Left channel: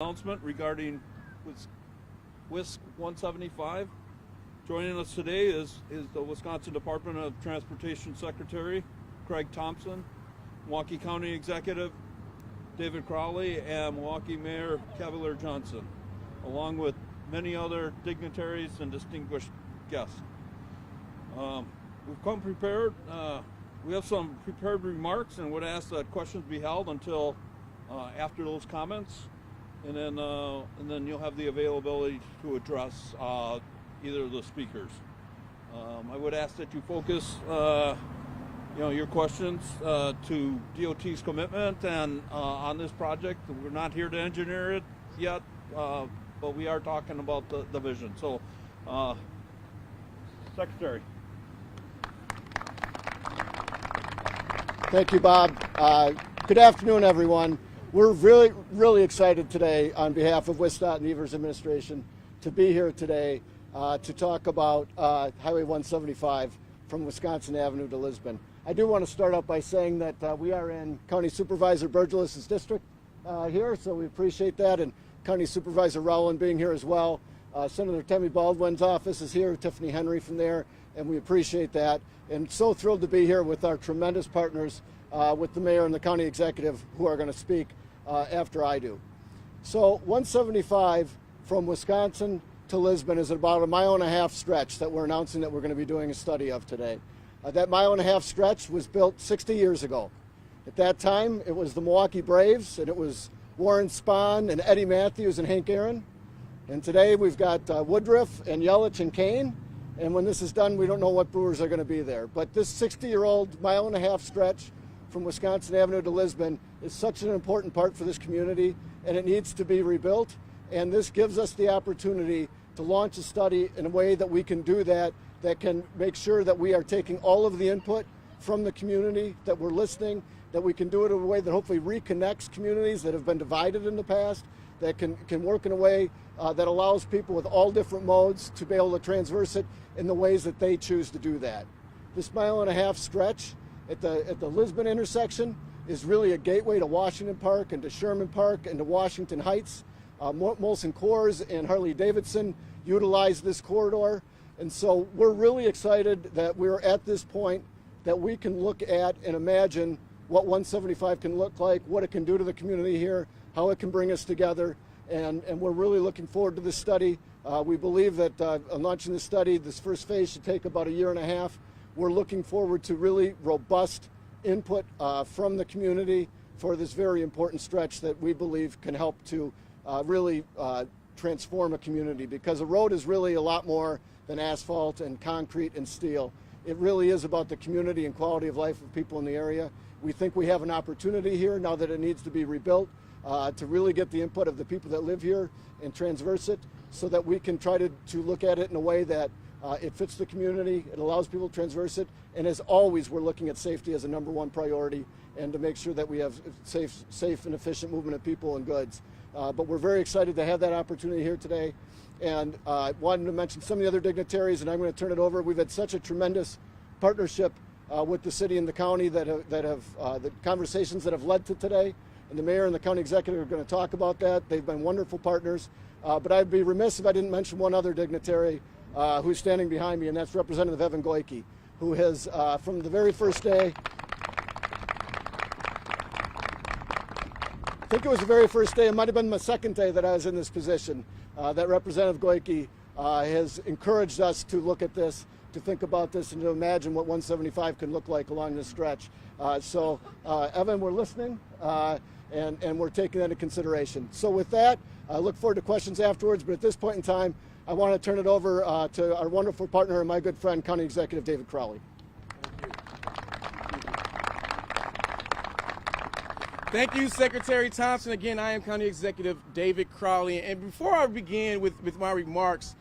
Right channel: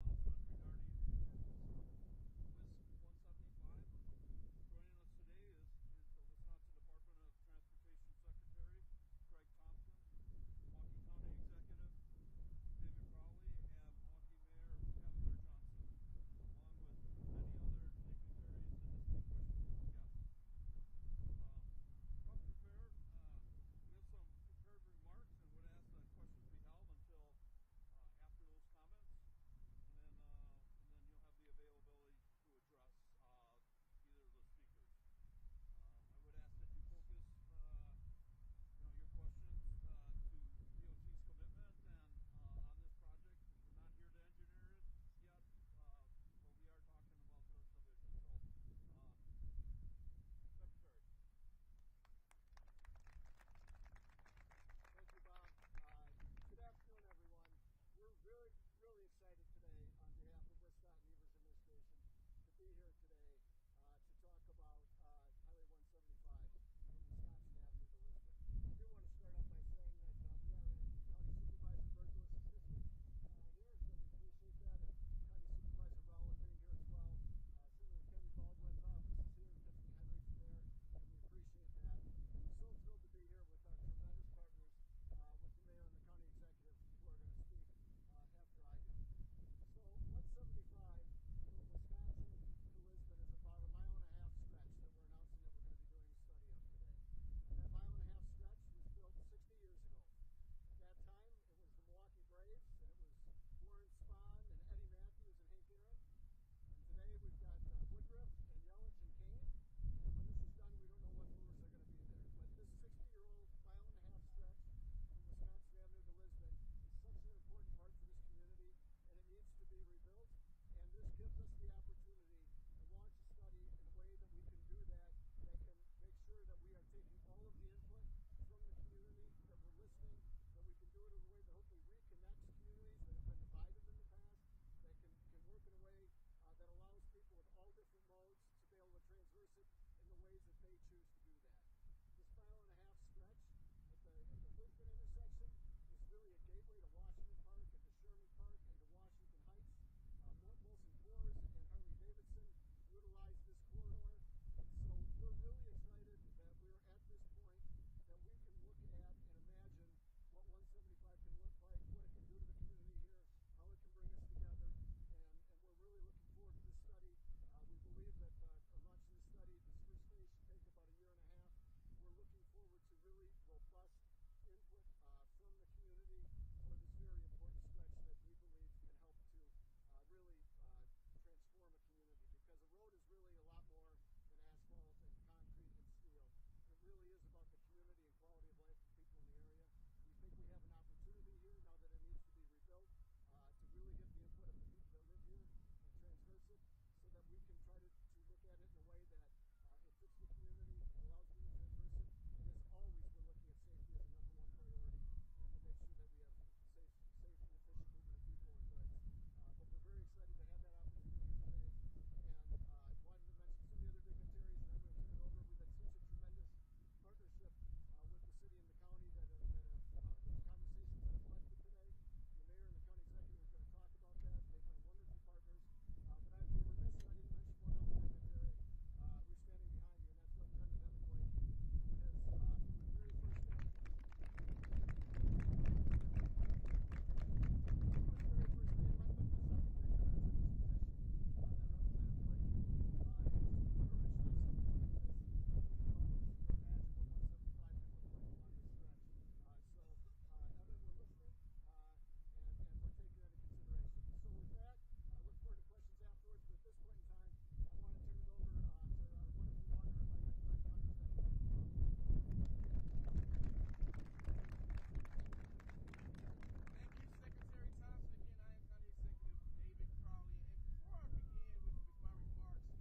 Announcement regarding WIS 175. Joining us today is the Wisconsin Department of Transportation Secretary Craig Thompson, Milwaukee County Executive David Crowley, and Milwaukee Mayor Cavalier Johnson, along with many other dignitaries and distinguished guests. We've come prepared. We have some prepared remarks and would ask that questions be held until after those comments. And then you'll have the availability to address either of the speakers. I would ask that you focus, your questions to DOT's commitment and on this project. We're not here to engineer it yet, but we are talking about the vision. So, Secretary. Thank you, Bob. Good afternoon, everyone. We're really excited today on behalf of WisDOT and the Evers administration to be here today to talk about Highway 175 from Wisconsin Avenue to Lisbon. I do want to start out by saying that we are in County Supervisor Burgelis's district here, so we appreciate that, and County Supervisor Rowland being here as well. Senator Tammy Baldwin's office is here, Tiffany Henry from there, and we appreciate that. And so thrilled to be here with our tremendous partners, with the mayor and the county executive who are going to speak after I do. So 175 from Wisconsin to Lisbon is about 1.5 mile stretch that we're announcing that we're going to be doing a study of today. That 1.5 mile stretch was built 60 years ago. At that time, it was the Milwaukee Braves, and it was Warren Spahn and Eddie Matthews and Hank Aaron. And today we've got Woodruff and Yelich and Kane. And when this is done, we don't know what Brewers are going to be there. But this 60-year-old 1.5 mile stretch from Wisconsin Avenue to Lisbon is such an important part for this community, and it needs to be rebuilt. And this gives us the opportunity to launch a study in a way that we can do that can make sure that we are taking all of the input from the community, that we're listening, that we can do it in a way that hopefully reconnects communities that have been divided in the past, that can work in a way that allows people with all different modes to be able to transverse it in the ways that they choose to do that. This 1.5 mile stretch at the Lisbon intersection is really a gateway to Washington Park and to Sherman Park and to Washington Heights. Molson Coors and Harley Davidson utilize this corridor. And so we're really excited that we're at this point that we can look at and imagine what 175 can look like, what it can do to the community here, how it can bring us together. And we're really looking forward to this study. We believe that launching this study, this first phase should take about 1.5 years. We're looking forward to really robust input from the community for this very important stretch that we believe can help to really transform a community, because a road is really a lot more than asphalt and concrete and steel. It really is about the community and quality of life of people in the area. We think we have an opportunity here, now that it needs to be rebuilt, to really get the input of the people that live here and transverse it so that we can try to look at it in a way that it fits the community, it allows people to transverse it, and as always, we're looking at safety as a #1 priority and to make sure that we have safe and efficient movement of people and goods. But we're very excited to have that opportunity here today. And I wanted to mention some of the other dignitaries, and I'm going to turn it over. We've had such a tremendous partnership with the city and the county that have the conversations that have led to today. And the mayor and the county executive are going to talk about that. They've been wonderful partners. But I'd be remiss if I didn't mention one other dignitary who's standing behind me, and that's Representative Evan Goyke, who has, from the very first day, I think it was the very first day, it might have been my second day that I was in this position, that Representative Goyke has encouraged us to look at this, to think about this, and to imagine what 175 can look like along this stretch. So Evan, we're listening, and we're taking that into consideration. So with that, I look forward to questions afterwards, but at this point in time, I want to turn it over to our wonderful partner and my good friend, County Executive David Crowley. Thank you, Secretary Thompson. Again, I am County Executive David Crowley. And before I begin with my remarks,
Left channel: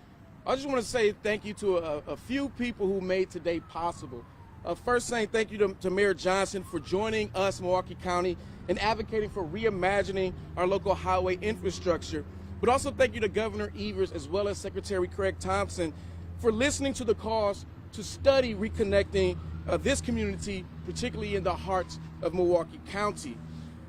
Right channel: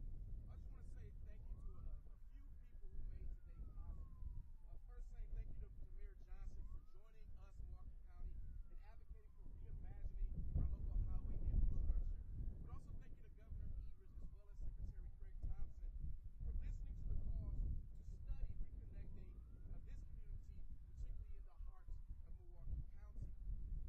I just want to say thank you to a few people who made today possible. First, saying thank you to Mayor Johnson for joining us, Milwaukee County, and advocating for reimagining our local highway infrastructure. But also thank you to Governor Evers as well as Secretary Craig Thompson for listening to the calls to study reconnecting this community, particularly in the heart of Milwaukee County.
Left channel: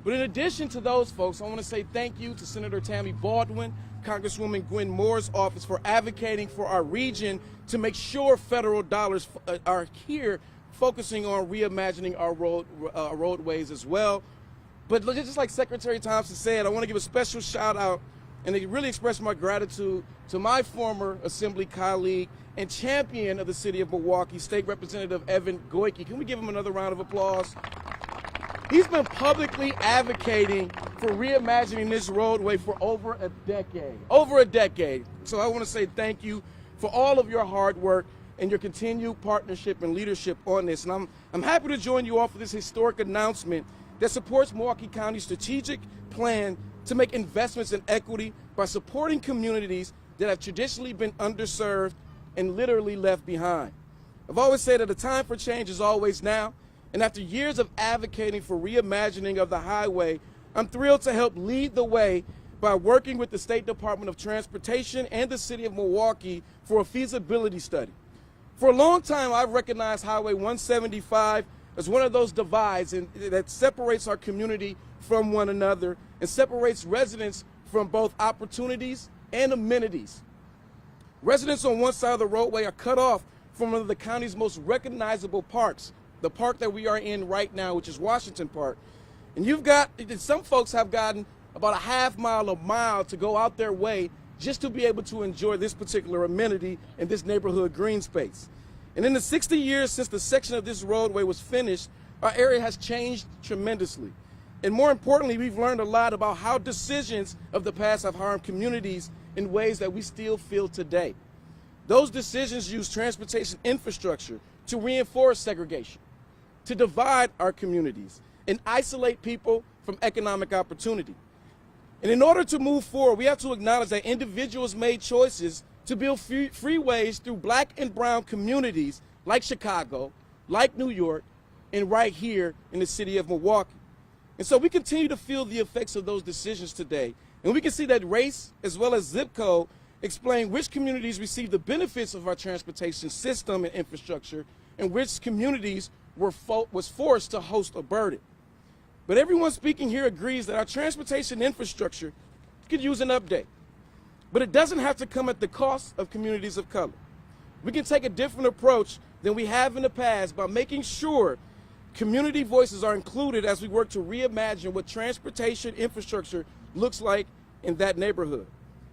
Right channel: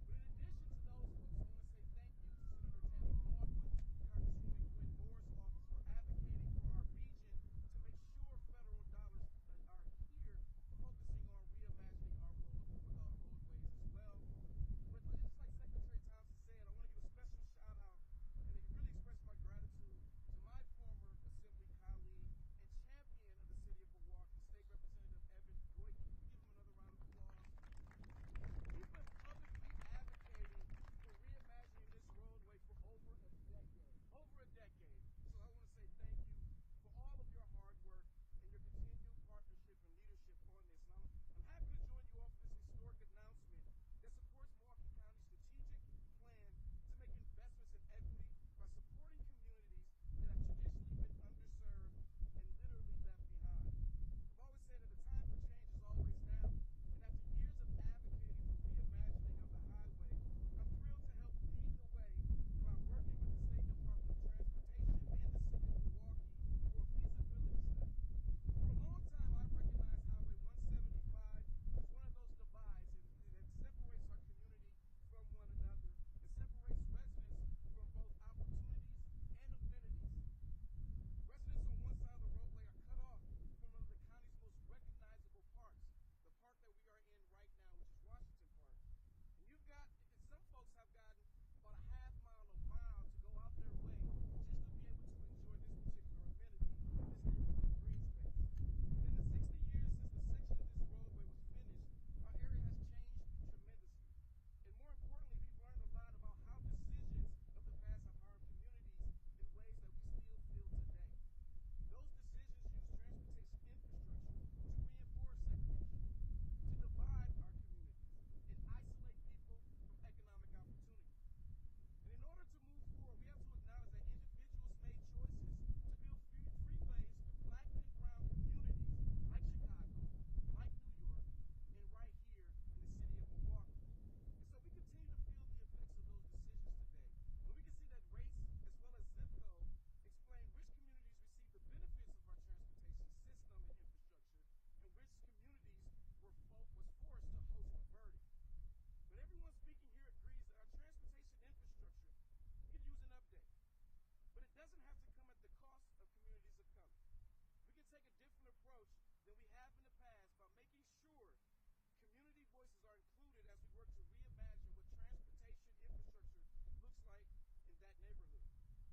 But in addition to those folks, I want to say thank you to Senator Tammy Baldwin, Congresswoman Gwen Moore's office for advocating for our region to make sure federal dollars are here, focusing on reimagining our roadways as well. But just like Secretary Thompson said, I want to give a special shout out and really express my gratitude to my former Assembly colleague and champion of the city of Milwaukee, State Representative Evan Goyke. Can we give him another round of applause? He's been publicly advocating for reimagining this roadway for over a decade. Over a decade. So I want to say thank you for all of your hard work and your continued partnership and leadership on this. And I'm happy to join you all for this historic announcement that supports Milwaukee County's strategic plan to make investments in equity by supporting communities that have traditionally been underserved and literally left behind. I've always said that the time for change is always now, and after years of advocating for reimagining of the highway, I'm thrilled to help lead the way by working with the State Department of Transportation and the City of Milwaukee for a feasibility study. For a long time, I've recognized Highway 175 as one of those divides that separates our community from one another and separates residents from both opportunities and amenities. Residents on one side of the roadway are cut off from one of the county's most recognizable parks, the park that we are in right now, which is Washington Park. And some folks have gotten about a half mile, a mile to go out their way just to be able to enjoy this particular amenity in this neighborhood green space. And in the 60 years since the section of this roadway was finished, our area has changed tremendously. And more importantly, we've learned a lot about how decisions of the past have harmed communities in ways that we still feel today. Those decisions use transportation infrastructure to reinforce segregation, to divide our communities, and isolate people from economic opportunity. And in order to move forward, we have to acknowledge that individuals made choices to build freeways through black and brown communities like Chicago, like New York, and right here in the city of Milwaukee. And so we continue to feel the effects of those decisions today. And we can see that race as well as zip code explain which communities receive the benefits of our transportation system and infrastructure and which communities was forced to host a burden. But everyone speaking here agrees that our transportation infrastructure could use an update. But it doesn't have to come at the cost of communities of color. We can take a different approach than we have in the past by making sure community voices are included as we work to reimagine what transportation infrastructure looks like in that neighborhood.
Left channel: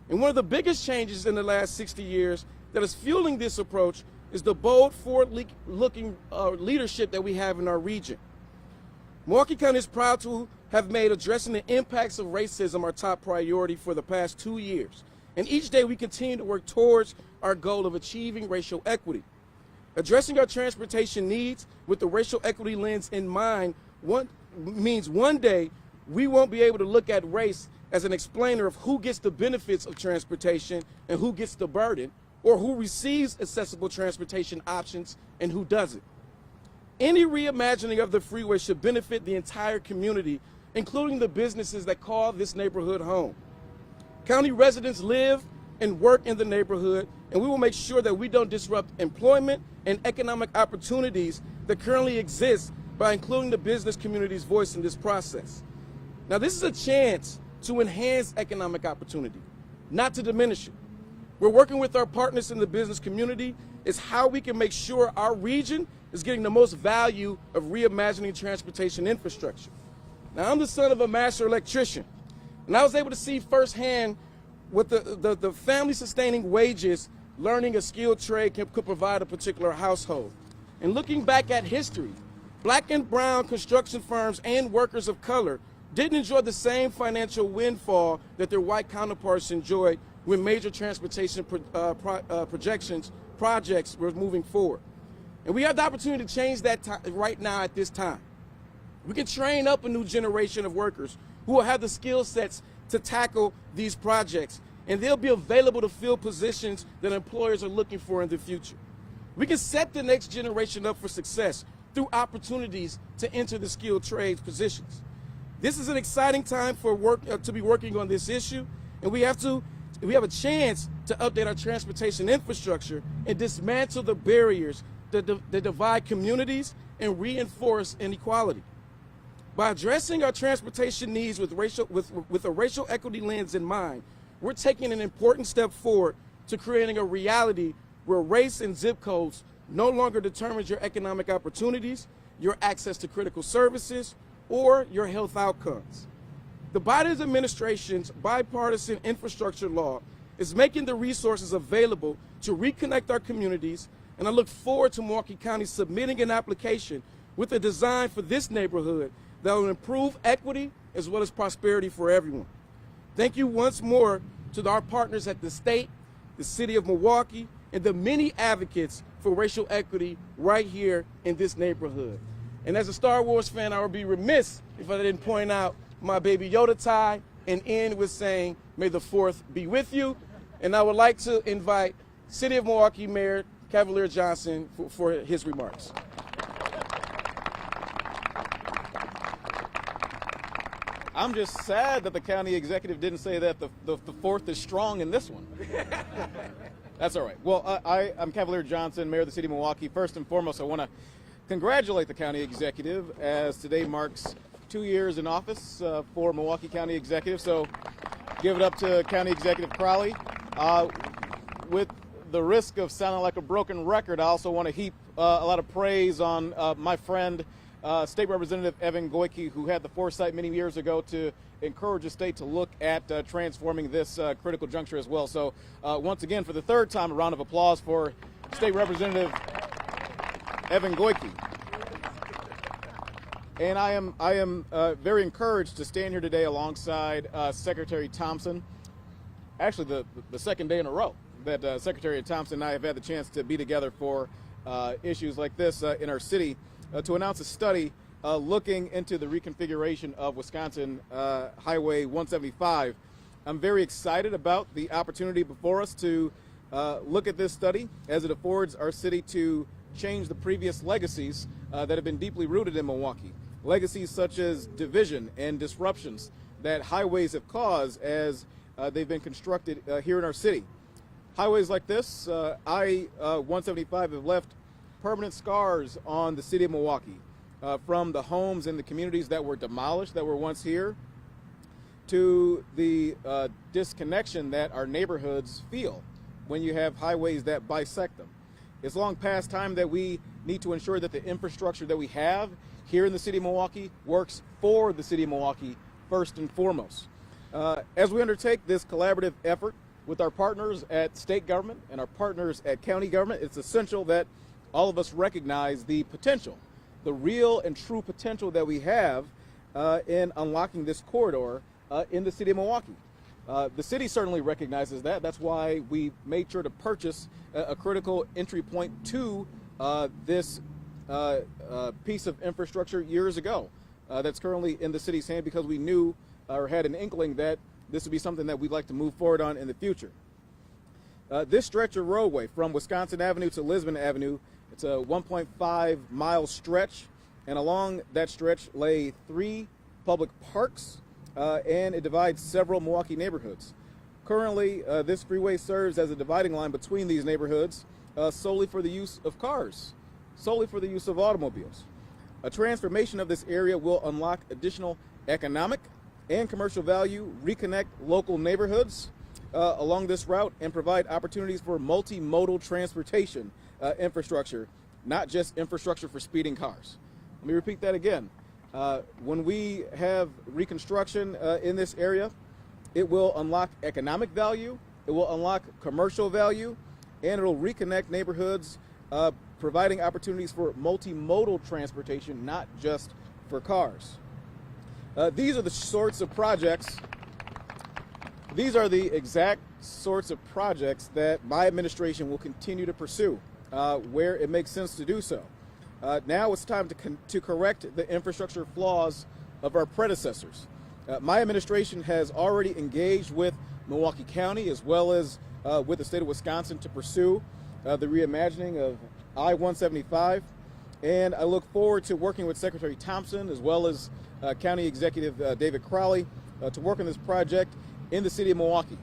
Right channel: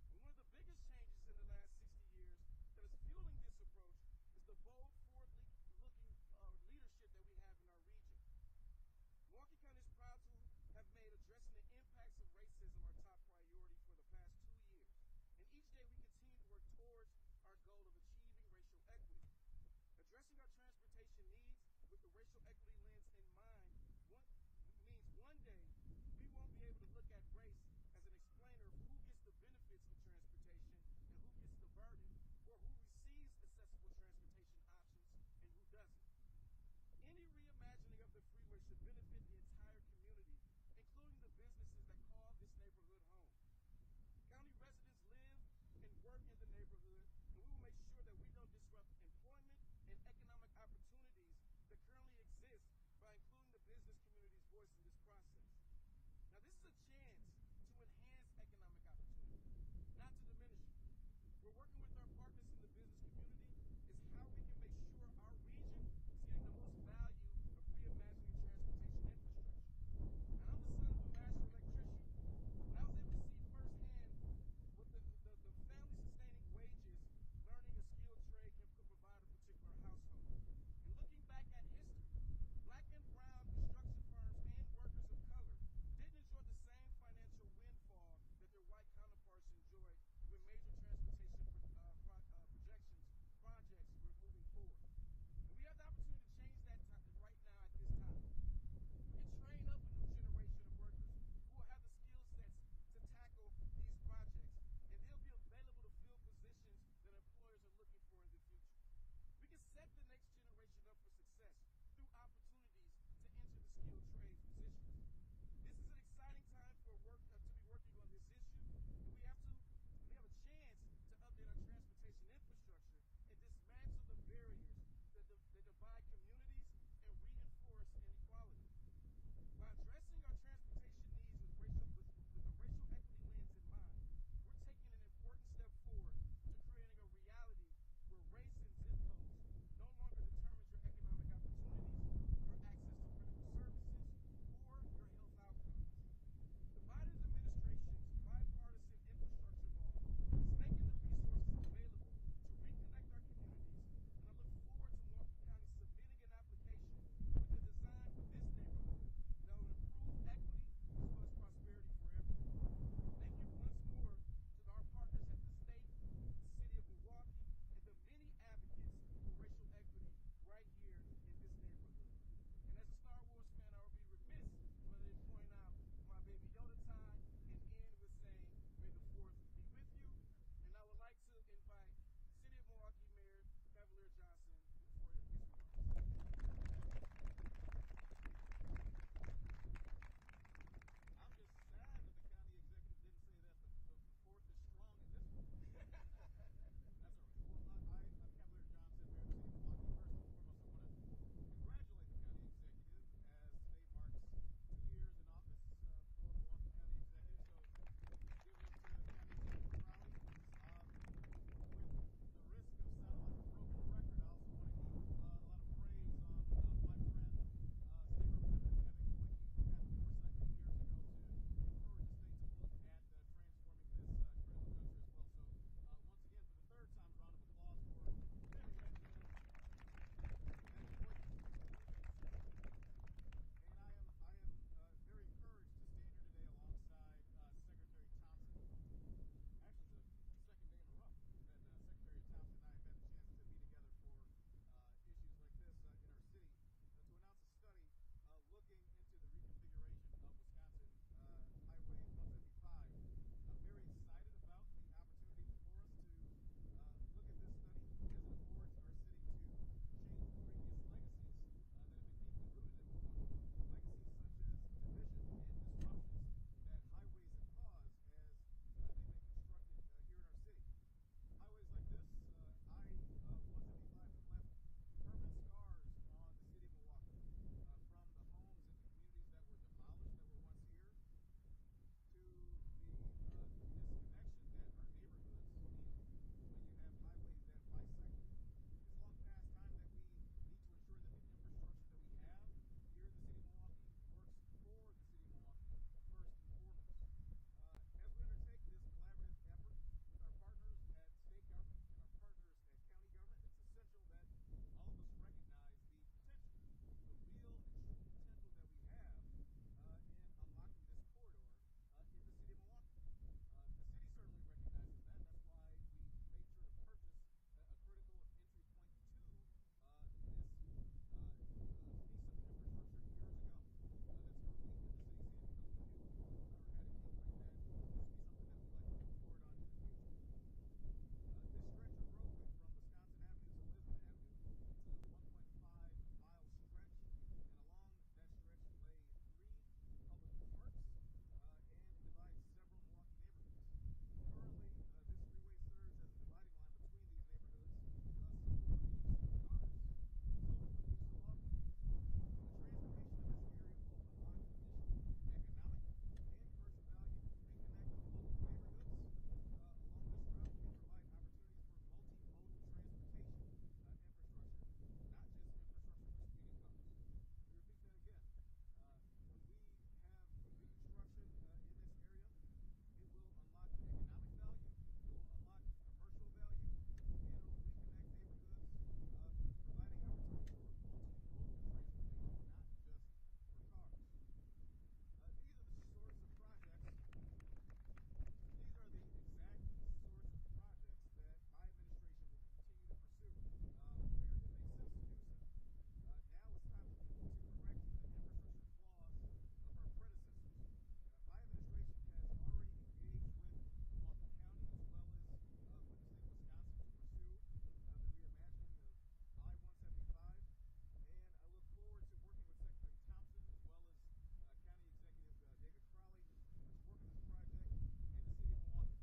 And one of the biggest changes in the last 60 years that is fueling this approach is the bold, forward-looking leadership that we have in our region. Milwaukee County is proud to have made addressing the impacts of racism our top priority for the past 2 years. And each day we continue to work towards our goal of achieving racial equity. Addressing our transportation needs with the racial equity lens in mind means one day we won't be able to look at race as an explainer of who gets the benefits of transportation and who gets the burden, or who receives accessible transportation options and who doesn't. Any reimagining of the freeway should benefit the entire community, including the businesses that call this neighborhood home. County residents live and work in the neighborhood, and we will make sure that we don't disrupt employment and economic opportunities that currently exist by including the business community's voice in this process. Now, this is a chance to enhance economic opportunity, not to diminish it. We're working with our partners in the business community is how we can make sure our region is getting the most value of reimagining transportation infrastructure. Now, I'm the son of a master electrician, and I was able to see firsthand what the family-sustaining wages learning a skilled trade could provide a particular household. And looking back at history, black and brown construction firms and workers of color didn't enjoy the same financial windfall that their white counterparts enjoyed when major transportation projects were moving forward. And we have the opportunity to change that right now at this time. We can train up a new generation of workers who will have the skill sets to tackle these projects, and they'll be available to fill positions that employers are looking for in the future. We can set the next generation up for success through opportunities to enter the skilled trades positions. This is an exciting time for to be working on this issue, and we have a chance to update our transportation infrastructure and dismantle the barriers that divide communities and reinforce inequality. By addressing our transportation needs with a racial equity lens in mind, we're taking an important step forward to creating a reality where race and zip codes no longer determines your economic opportunities, your access to critical services, or your health outcomes. The Biden administration's bipartisan infrastructure law is making the resources available to reconnect our communities, and I look forward to Milwaukee County submitting an application with a design for this neighborhood that will improve equity as well as prosperity for everyone. Thank you once more to our partners at the state, the city of Milwaukee, and the many advocates for racial equity right here in this neighborhood. And as a Star Wars fan, I would be remiss if I didn't point out my baby Yoda tie and end with saying, may the 4th be with you. And I would like to invite City of Milwaukee Mayor Cavalier Johnson for his remarks. I'm just sad that the county executive didn't say that the 4th is strong in this one. That's all right. Well, I'm Cavalier Johnson, Mayor of the City of Milwaukee. First and foremost, I want to congratulate the county executive as today marks 2 years in office for Milwaukee County Executive. So give it up to County Executive Crowley. With the risk of sounding like a broken record, I also want to heap a lot of praise on my friend, State Representative Evan Goyke, who had the foresight many years ago to encourage the state to look at transforming this critical juncture as well. So once again, for the 3rd time, a round of applause for State Representative Evan Goyke. And I am very encouraged to stand here today alongside Secretary Thompson. Actually, the 2nd day in a row that Secretary Thompson and I have had the chance to be together for issues like this in our city to announce a study looking into the reconfiguration of Wisconsin Highway 175. I'm very excited about the opportunity before us to look at this study as it affords our city to change the previous legacies that have been deeply rooted in Milwaukee. Legacies such as division and disruptions that highways have caused as they've been constructed here in our city. Highways like this, I-175, have left permanent scars on the city of Milwaukee, from the homes and the communities that were demolished, that were once here, to the disconnection that our neighborhoods feel when you have highways that bisect them. It's long past time that we need to ensure that the infrastructure that we have here in the city of Milwaukee works for the city of Milwaukee first and foremost. As we undertake this collaborative effort with our partners at state government and our partners at county government, it's essential that all of us recognize the potential, the real and true potential that we have in unlocking this corridor in the city of Milwaukee. The city certainly recognizes that. That's why we made sure to purchase a critical entry point to this piece of infrastructure years ago that's currently in the city's hand, because we knew or had an inkling that this would be something that we'd like to move forward on in the future. This stretch of roadway from Wisconsin Avenue to Lisbon Avenue, it's a 1.5 mile stretch, and along that stretch lay 3 public parks, and it divides several Milwaukee neighborhoods. Currently, this freeway serves as a dividing line between these neighborhoods solely for the use of cars, solely for the use of automobiles. A transformation of this area will unlock additional economic and commercial value, reconnect local neighborhoods along this route, and provide opportunities for multimodal transportation infrastructure, not just infrastructure for speeding cars. Let me repeat that again. When we have reconstruction in this area, it will unlock economic value, it will unlock commercial value, and it will reconnect neighborhoods, providing opportunities for multimodal transportation, not just for cars. These are the sorts of projects, these are the exact sorts of projects that my administration will continue to pursue where it makes sense to do so. Now it's time to correct the infrastructure flaws of our predecessors. My administration has already engaged with Milwaukee County as well as with the state of Wisconsin to pursue the reimagining of I-175, and I look forward to working with Secretary Thompson as well as County Executive David Crowley to work on this project in the city of Milwaukee.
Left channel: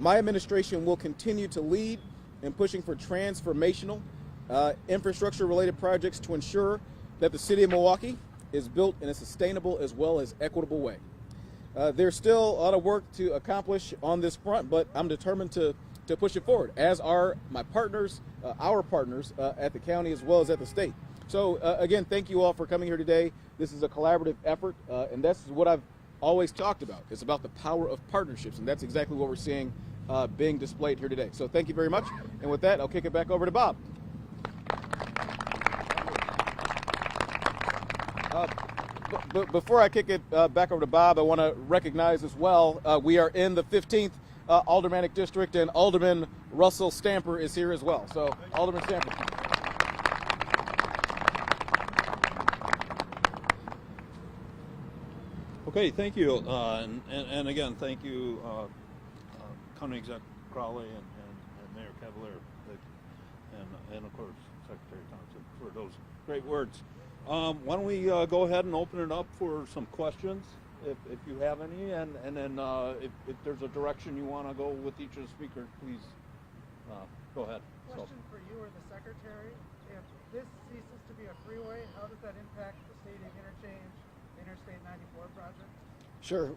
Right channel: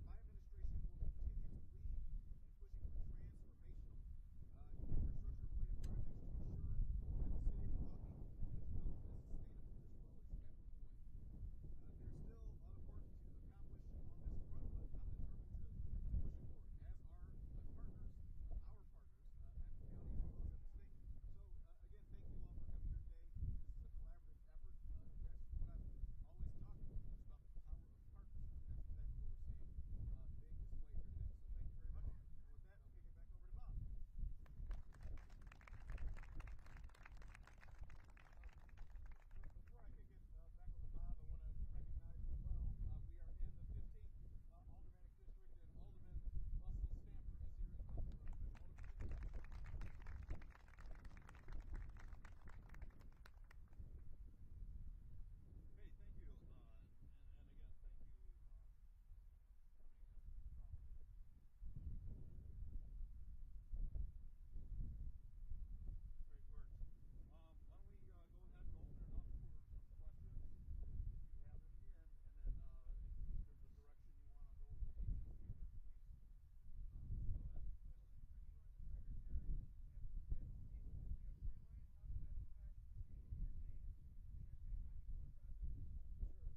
My administration will continue to lead in pushing for transformational infrastructure-related projects to ensure that the city of Milwaukee is built in a sustainable as well as equitable way. There's still a lot of work to accomplish on this front, but I'm determined to push it forward, as are my partners, our partners at the county as well as at the state. So again, thank you all for coming here today. This is a collaborative effort, and that's what I've always talked about. It's about the power of partnerships, and that's exactly what we're seeing being displayed here today. So thank you very much, and with that, I'll kick it back over to Bob. Before I kick it back over to Bob, I want to recognize as well, we are in the 15th Aldermanic District, and Alderman Russell Stamper is here as well. So, Alderman Stamper. Okay, thank you, and again, thank you, County Exec Crowley and Mayor Cavalier, and of course Secretary Thompson for those great words. Why don't we go ahead and open it up for some questions, if you have any, and then if there's a direction you want to go with each of the speakers, please go ahead. Question for you or the Secretary. If this ceases to be a freeway, how does that impact the Stadium Interchange Interstate 94 project? Sure.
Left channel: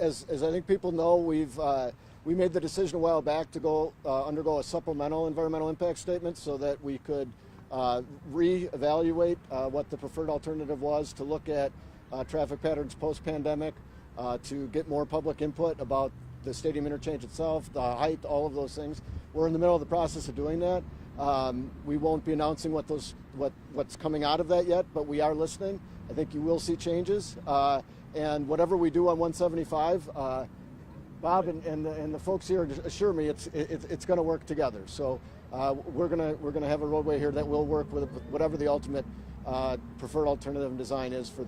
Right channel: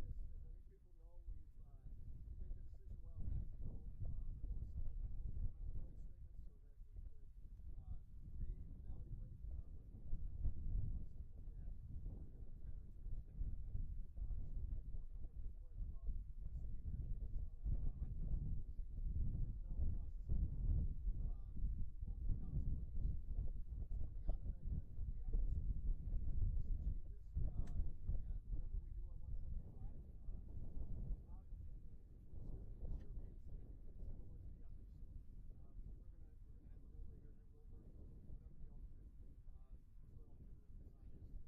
As I think people know, we made the decision a while back to go undergo a supplemental environmental impact statement so that we could reevaluate what the preferred alternative was, to look at traffic patterns post-pandemic, to get more public input about the stadium interchange itself, the height, all of those things. We're in the middle of the process of doing that. We won't be announcing what's coming out of that yet, but we are listening. I think you will see changes, and whatever we do on 175, Bob and the folks here assure me it's going to work together. So we're gonna have a roadway here that will work with whatever the ultimate preferred alternative and design is for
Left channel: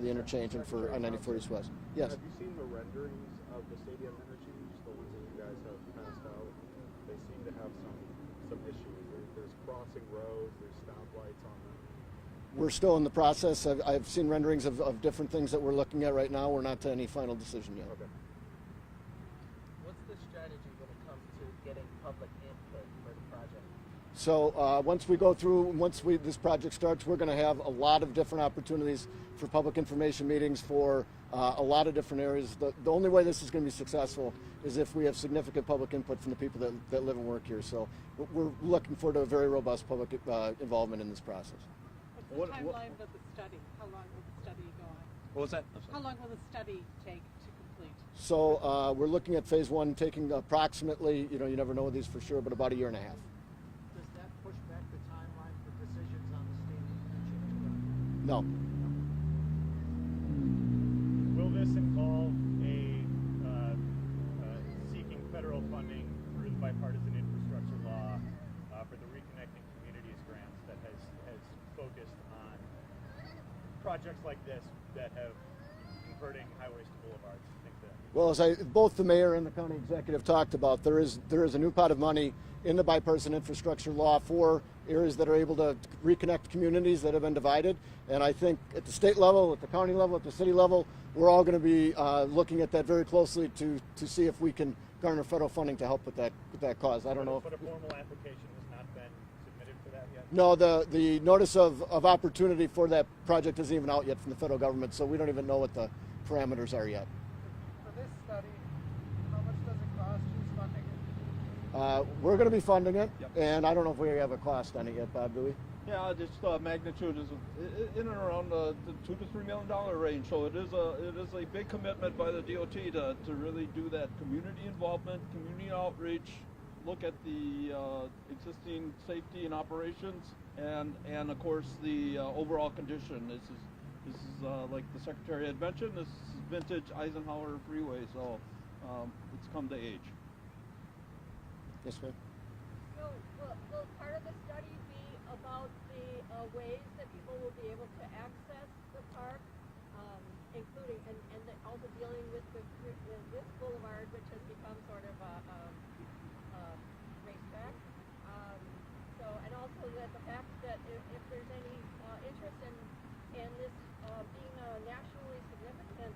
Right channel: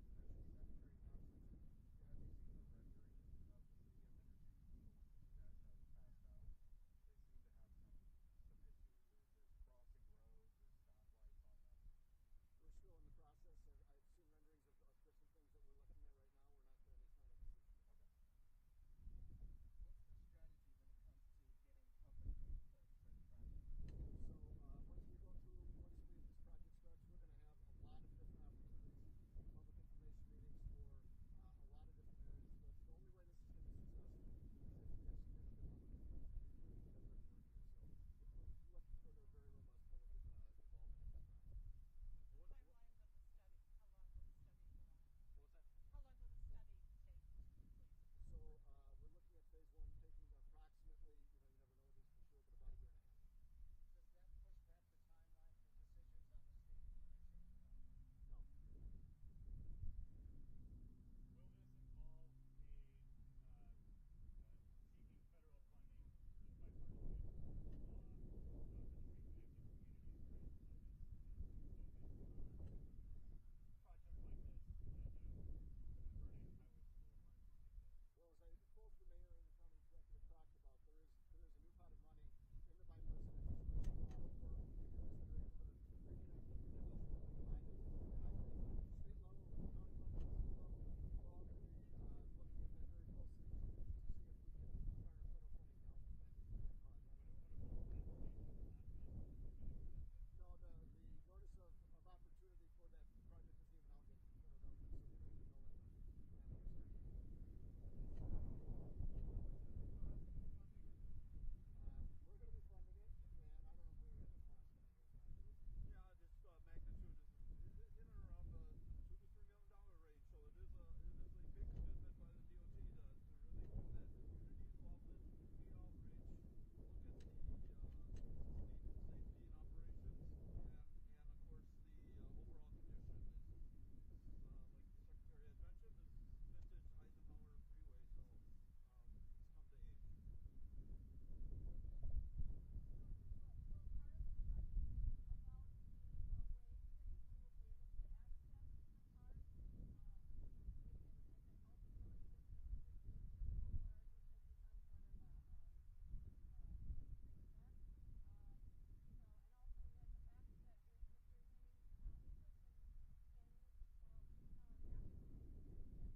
the interchange and for I-94 East West. Yes. Have you seen the renderings of the stadium interchange, the ones that you guys have passed out? They seem to have some issues. There's crossing roads, there's stoplights on them. We're still in the process. I've seen renderings of different things that we're looking at right now. We're not to any final decision yet. Okay. What's the strategy when it comes to getting public input for the project? So once this project starts, we're going to have a lot of different opportunities for public information meetings for a lot of different areas. The only way this is going to be successful is if we have significant public input from the people that live and work here. So we're looking forward to a very robust public involvement in this process. What's the timeline of the study? How long will the study go on? What was that? How long will the study take to complete? So we're looking at phase one taking approximately, you never know these for sure, but about a year and a half. Does that push back the timeline for decisions on the stadium interchange? No. Will this involve seeking federal funding through the bipartisan infrastructure law for the Reconnecting Communities grants that has focused on projects like this that have converting highways to boulevards? Well, as both the mayor and the county executive talked about, there is a new pot of money in the bipartisan infrastructure law for areas that are able to reconnect communities that have been divided. And I think at the state level, at the county level, at the city level, we're all going to be looking at that very closely to see if we can garner federal funding to help with that cause. I don't know. But a formal application has not been submitted for that yet? No, the notice of opportunity for that project isn't even out yet from the federal government, so we don't even know what the parameters are yet. For this study, how much does it cost? Who's funding it? We're going to be funding it, Yep. and I don't know if we have a cost on it yet, Bob, do we? Yeah, just magnitude is in and around the $2 to $3 million range. So it is a big commitment by the DOT to really do that community involvement, community outreach, look at the existing safety and operations, and of course the overall condition. This is like the Secretary had mentioned. This is vintage Eisenhower Freeway, so it's come to age. Yes, ma'am. So will part of the study be about the ways that people will be able to access the park, including and also dealing with this boulevard, which has become sort of a racetrack. So and also that the fact that if there's any interest in this being a nationally significant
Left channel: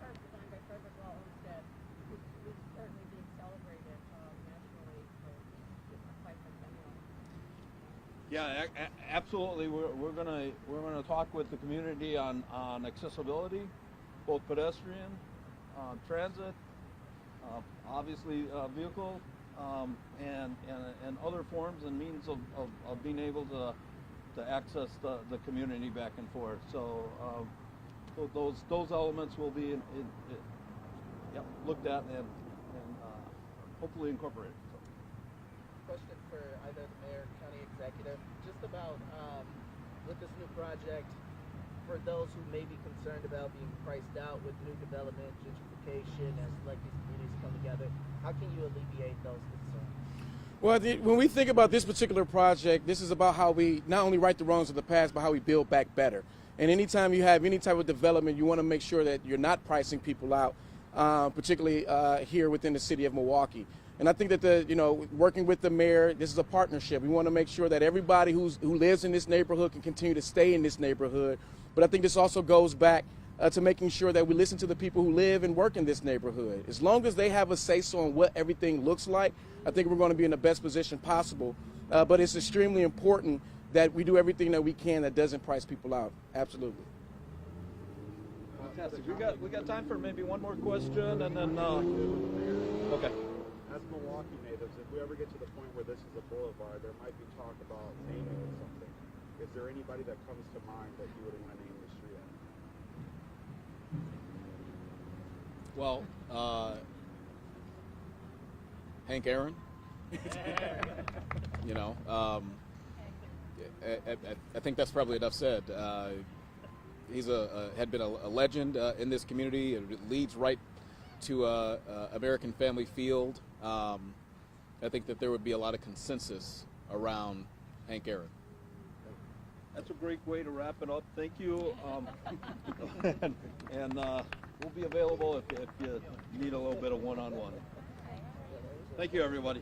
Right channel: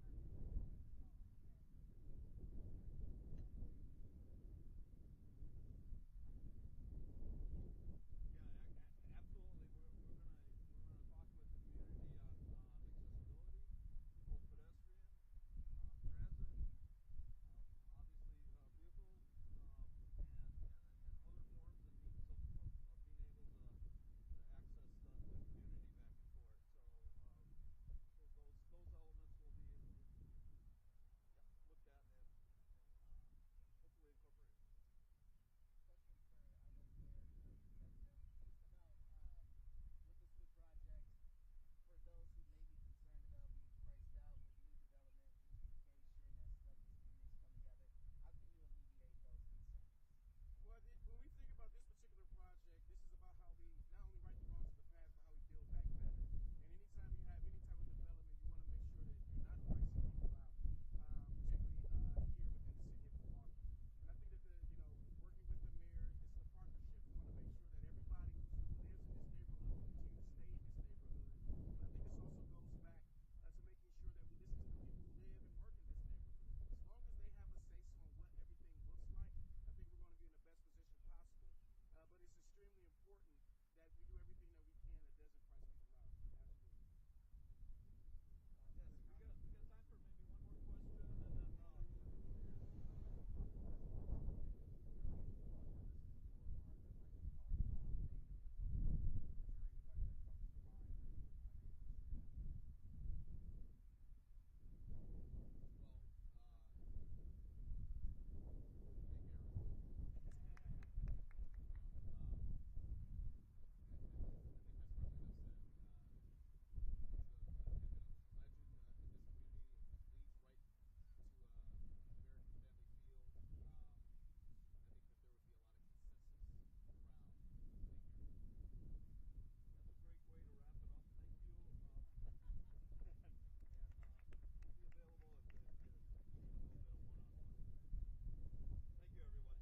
park designed by Frederick Law Olmsted, who's currently being celebrated nationally for quite some time. Yeah, absolutely. We're gonna talk with the community on accessibility, both pedestrian, transit, obviously vehicle, and other forms and means of being able to access the community back and forth. So those elements will be looked at and hopefully incorporated. So. Question for either the mayor, county executive, just about with this new project, for those who may be concerned about being priced out with new development, gentrification, as like these communities come together, how can you alleviate those concerns? Well, when we think about this particular project, this is about how we not only right the wrongs of the past, but how we build back better. And anytime you have any type of development, you want to make sure that you're not pricing people out, particularly here within the city of Milwaukee. And I think that working with the mayor, this is a partnership. We want to make sure that everybody who lives in this neighborhood can continue to stay in this neighborhood. But I think this also goes back to making sure that we listen to the people who live and work in this neighborhood. As long as they have a say-so on what everything looks like, I think we're going to be in the best position possible. But it's extremely important that we do everything that we can that doesn't price people out. Absolutely. Fantastic. We got time for maybe one more question, and then okay. As Milwaukee natives, if we ever get to the point where this is a boulevard, there might be talk about naming it something. Is there anybody that comes to mind that you would want to name the street after? Well, Hank Aaron. I think that's probably enough said. He's had been a legend in this community. It leads right to American Family Field. I think that there would be a lot of consensus around Hank Aaron. That's a great way to wrap it up. Thank you. And we'll be available if you need a little bit of one-on-one. Thank you, everybody.